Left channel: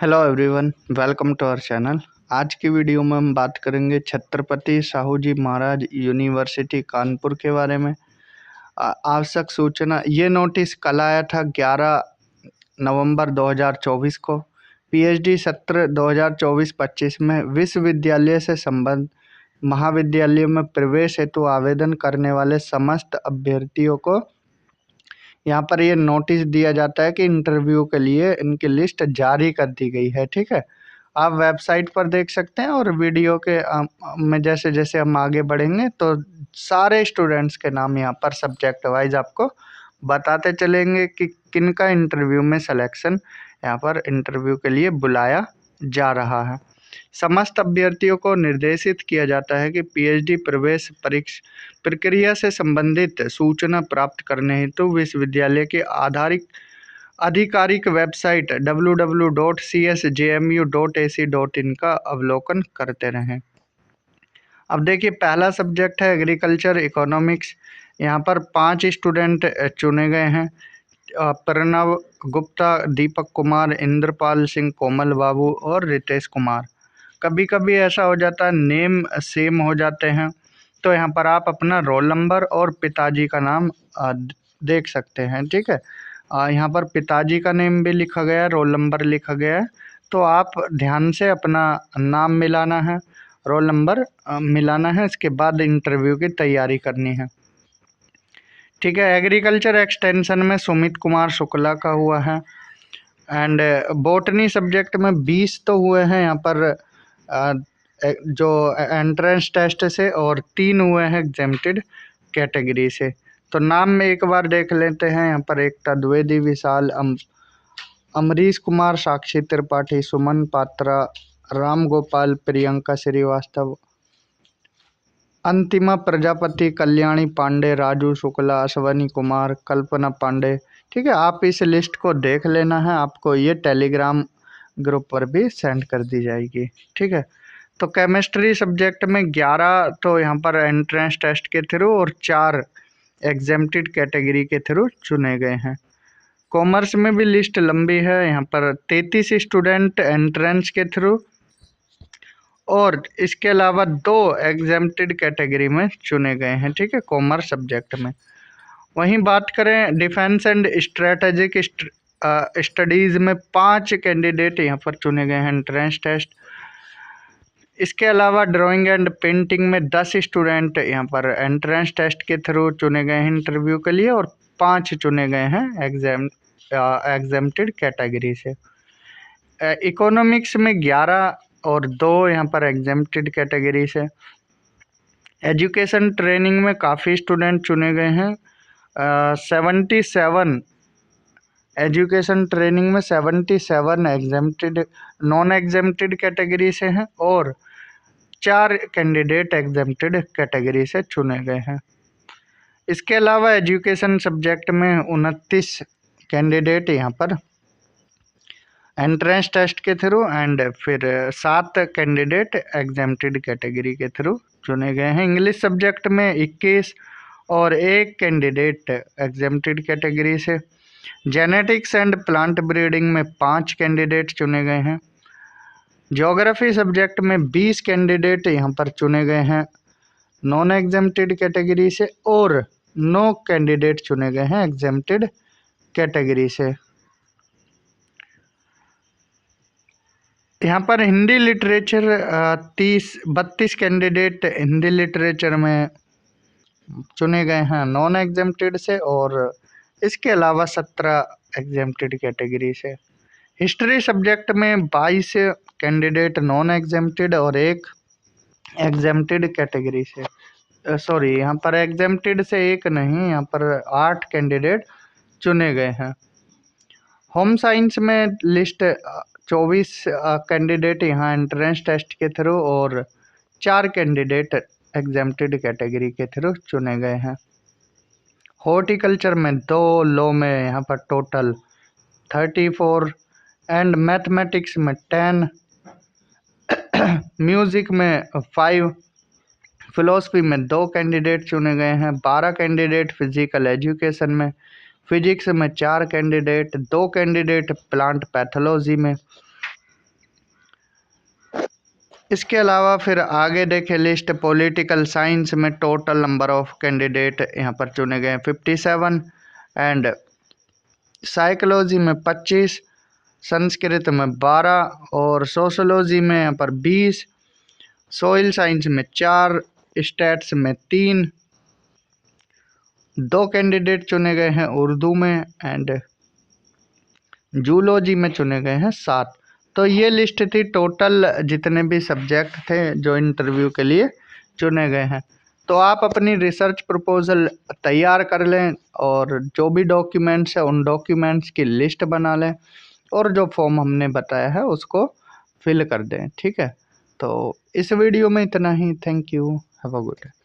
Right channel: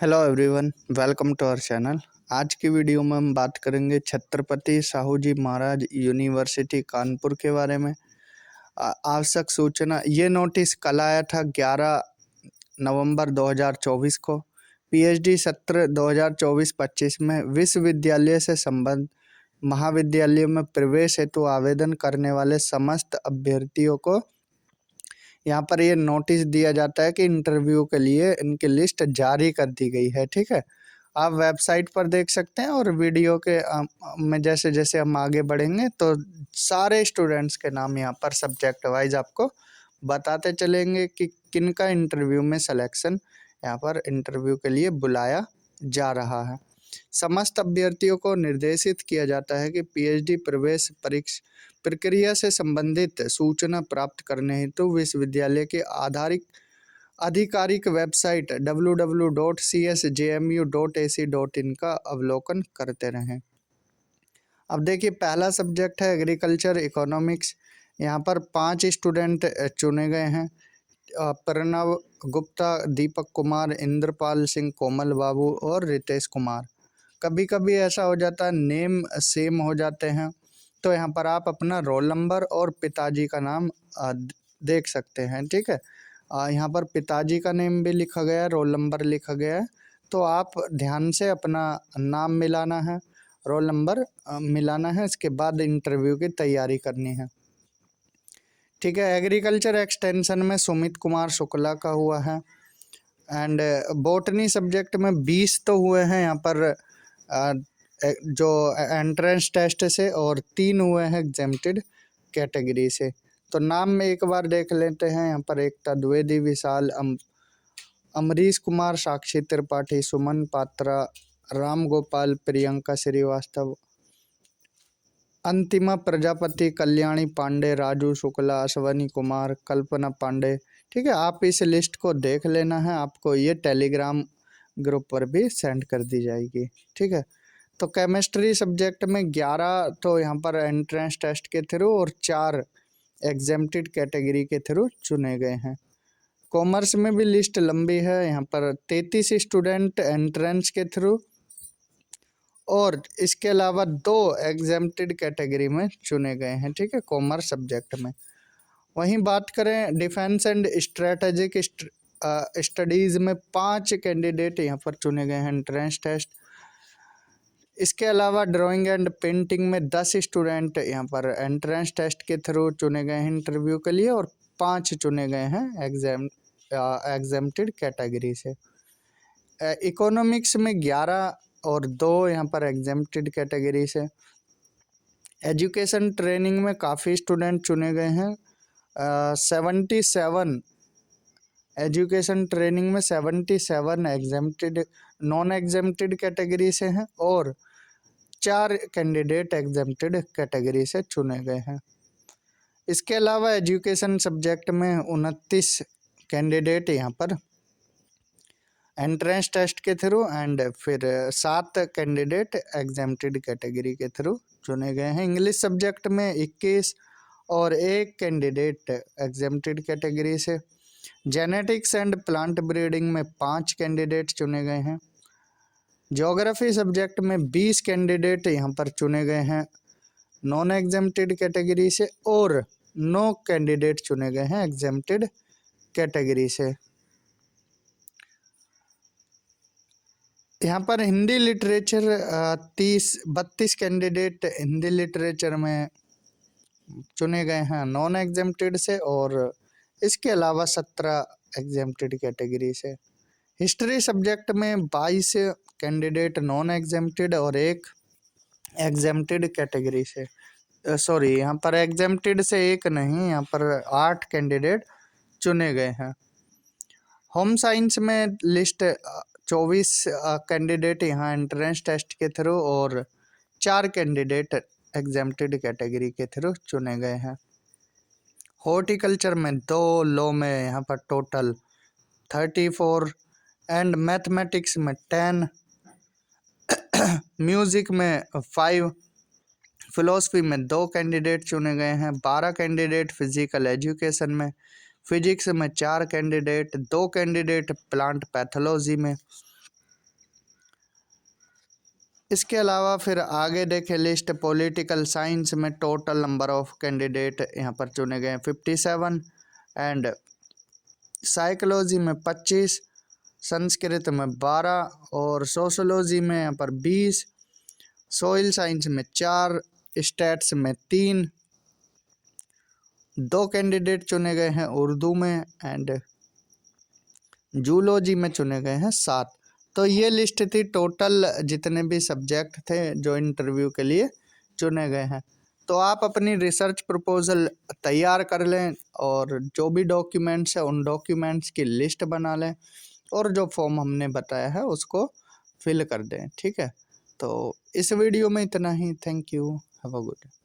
Hello everyone, welcome to our channel. आज की video में हम बात करेंगे छत्रपति साहू जी महाराज यूनिवर्सिटी कानपुर के बारे में। आवश्यक सूचना, ये नोटिस कल आया था 11 नवंबर 2024 को। पीएचडी सत्र 2024-25 में विश्वविद्यालय से संबद्ध महाविद्यालयों में प्रवेश हेतु आवेदन करने वाले समस्त अभ्यर्थियों को यहाँ पर ये नोटिस दिया जाता है कि इंटरव्यू के लिए इनकी लिस्ट जारी कर दी गई है। ठीक है, आप वेबसाइट पर देख सकते हैं और वीडियो के में जैसे जैसे हम आगे बढ़ेंगे तो सारे स्टूडेंट्स के नाम यहाँ पर सब्जेक्ट वाइज आपको बताते चलेंगे कि किनका इंटरव्यू में सिलेक्शन यहाँ पर इंटरव्यू के लिए बुलाया जा रहा है। समस्त अभ्यर्थियों को निर्देशित किया जाता है कि पीएचडी प्रवेश परीक्षा प्रक्रिया से संबंधित सूचना प्राप्त करने हेतु विश्वविद्यालय के आधिकारिक वेबसाइट www.csjmu.ac.in का अवलोकन करते रहें। अब देखिए, पहला सब्जेक्ट है एग्रीकल्चर इकोनॉमिक्स। यहाँ पर 5 स्टूडेंट चुने गए हैं। प्रणव गुप्ता, दीपक कुमार, इंद्रपाल सिंह, कोमल बाबू और रितेश कुमार। कभी कभी ऐसा हो जाता है नेम सेम हो जाते हैं, तो यहाँ पर आप अपना रोल नंबर और पिताजी का नाम देख सकते हैं। ठीक है, यहाँ पर पिताजी का नेम भी लिखा गया है, रोल नंबर लिखा गया है, तो आप ध्यान से अपना नाम मिलाना है, रोल नंबर मिलाना है, इसके बाद इंटरव्यू की तैयारी करनी है। ठीक है, एग्रीकल्चर एक्सटेंशन में सुमित कुमार शुक्ला का हुआ है। एंड बॉटनी सब्जेक्ट में 20 तो हुए हैं यहाँ पर जो एंट्रेंस टेस्ट से, और 3 हुए हैं एग्जेम्प्टेड कैटेगरी से। तो नाम में एक बार देख लेते हैं। यहाँ पर एकता द्विवेदी, विशाल अमरीश कुमार, साक्षी त्रिपाठी, सुमन पात्रा, राम गोपाल, प्रियंका श्रीवास्तव, अंतिमा प्रजापति, कल्याणी पांडे, राजू शुक्ला, अश्वनी कुमार, कल्पना पांडे। ठीक है, आप इस लिस्ट को देख लेना है, आपको ये टेलीग्राम ग्रुप पर भी सेंड कर दी जाएगी। ठीक है, तो केमिस्ट्री सब्जेक्ट में 11 तो यहाँ पर एंट्रेंस टेस्ट के थ्रू और 4 एग्जेम्प्टेड कैटेगरी के थ्रू चुने गए हैं। कॉमर्स में भी लिस्ट लंबी है, यहाँ पर 33 स्टूडेंट एंट्रेंस के थ्रू और इसके अलावा 2 एग्जेम्प्टेड कैटेगरी में चुने गए हैं। ठीक है, कॉमर्स सब्जेक्ट में। वहीं बात करें डिफेंस एंड स्ट्रेटेजिक स्टडीज़ में 5 कैंडिडेट यहाँ पर चुने गए हैं एंट्रेंस टेस्ट। इसके अलावा ड्राइंग एंड पेंटिंग में 10 स्टूडेंट यहाँ पर एंट्रेंस टेस्ट के थ्रू चुने गए हैं इंटरव्यू के लिए, और 5 चुने गए हैं एग्जेम्प्टेड कैटेगरी से। इकोनॉमिक्स में 11 और 2 यहाँ पर एग्जेम्प्टेड कैटेगरी से। एजुकेशन ट्रेनिंग में काफ़ी स्टूडेंट चुने गए हैं। 77 एजुकेशन ट्रेनिंग में 77 एग्जेम्प्टेड नॉन एग्जेम्प्टेड कैटेगरी से हैं, और 4 कैंडिडेट एग्जेम्प्टेड कैटेगरी से चुने गए हैं। इसके अलावा एजुकेशन सब्जेक्ट में 29 कैंडिडेट यहाँ पर एंट्रेंस टेस्ट के थ्रू एंड फिर 7 कैंडिडेट एग्जेम्प्टेड कैटेगरी के थ्रू चुने गए हैं। इंग्लिश सब्जेक्ट में 21 और 1 कैंडिडेट एग्जेम्प्टेड कैटेगरी से। जेनेटिक्स एंड प्लांट ब्रीडिंग में 5 कैंडिडेट चुने गए हैं। ज्योग्राफी सब्जेक्ट में 20 कैंडिडेट यहाँ पर चुने गए हैं नॉन एग्जेम्प्टेड कैटेगरी से, और 9 कैंडिडेट चुने गए हैं एग्जेम्प्टेड कैटेगरी से। यहाँ पर Hindi literature 32 candidate Hindi literature में चुने गए हैं नॉन एग्जेम्प्टेड से, और इसके अलावा 17 एग्जेम्प्टेड कैटेगरी से। हिस्ट्री सब्जेक्ट में 22 कैंडिडेट नॉन एग्जेम्प्टेड और 1 एग्जेम्प्टेड कैटेगरी से। सॉरी, यहाँ पर एग्जेम्प्टेड से 1 नहीं, यहाँ पर 8 कैंडिडेट चुने गए हैं। होम साइंस में लिस्ट 24 कैंडिडेट यहाँ एंट्रेंस टेस्ट के थ्रू और 4 कैंडिडेट एग्जेम्प्टेड कैटेगरी के थ्रू चुने गए हैं। हॉर्टिकल्चर में 2, लॉ में यहाँ पर टोटल 34 एंड मैथमेटिक्स में 10, म्यूज़िक में 5, फिलोसफी में 2 कैंडिडेट चुने गए हैं। 12 कैंडिडेट फिजिकल एजुकेशन में, फिजिक्स में 4 कैंडिडेट, 2 कैंडिडेट प्लांट पैथोलॉजी में, इसके अलावा फिर आगे देखें लिस्ट, पॉलिटिकल साइंस में टोटल नंबर ऑफ कैंडिडेट यहाँ पर चुने गए 57, एंड साइकोलॉजी में 25, संस्कृत में 12, और सोशोलॉजी में यहाँ पर 20, सोइल साइंस में 4, स्टैट्स में 3, 2 कैंडिडेट चुने गए हैं उर्दू में, एंड जूलॉजी में चुने गए हैं 7। तो ये लिस्ट थी टोटल जितने भी सब्जेक्ट थे जो इंटरव्यू के लिए चुने गए हैं। तो आप अपनी रिसर्च प्रपोजल तैयार कर लें और जो भी डॉक्यूमेंट्स है उन डॉक्यूमेंट्स की लिस्ट बना लें और जो फॉर्म हमने बताया है उसको फिल कर दें। ठीक है, तो इस वीडियो में इतना ही। Thank you, have a good day.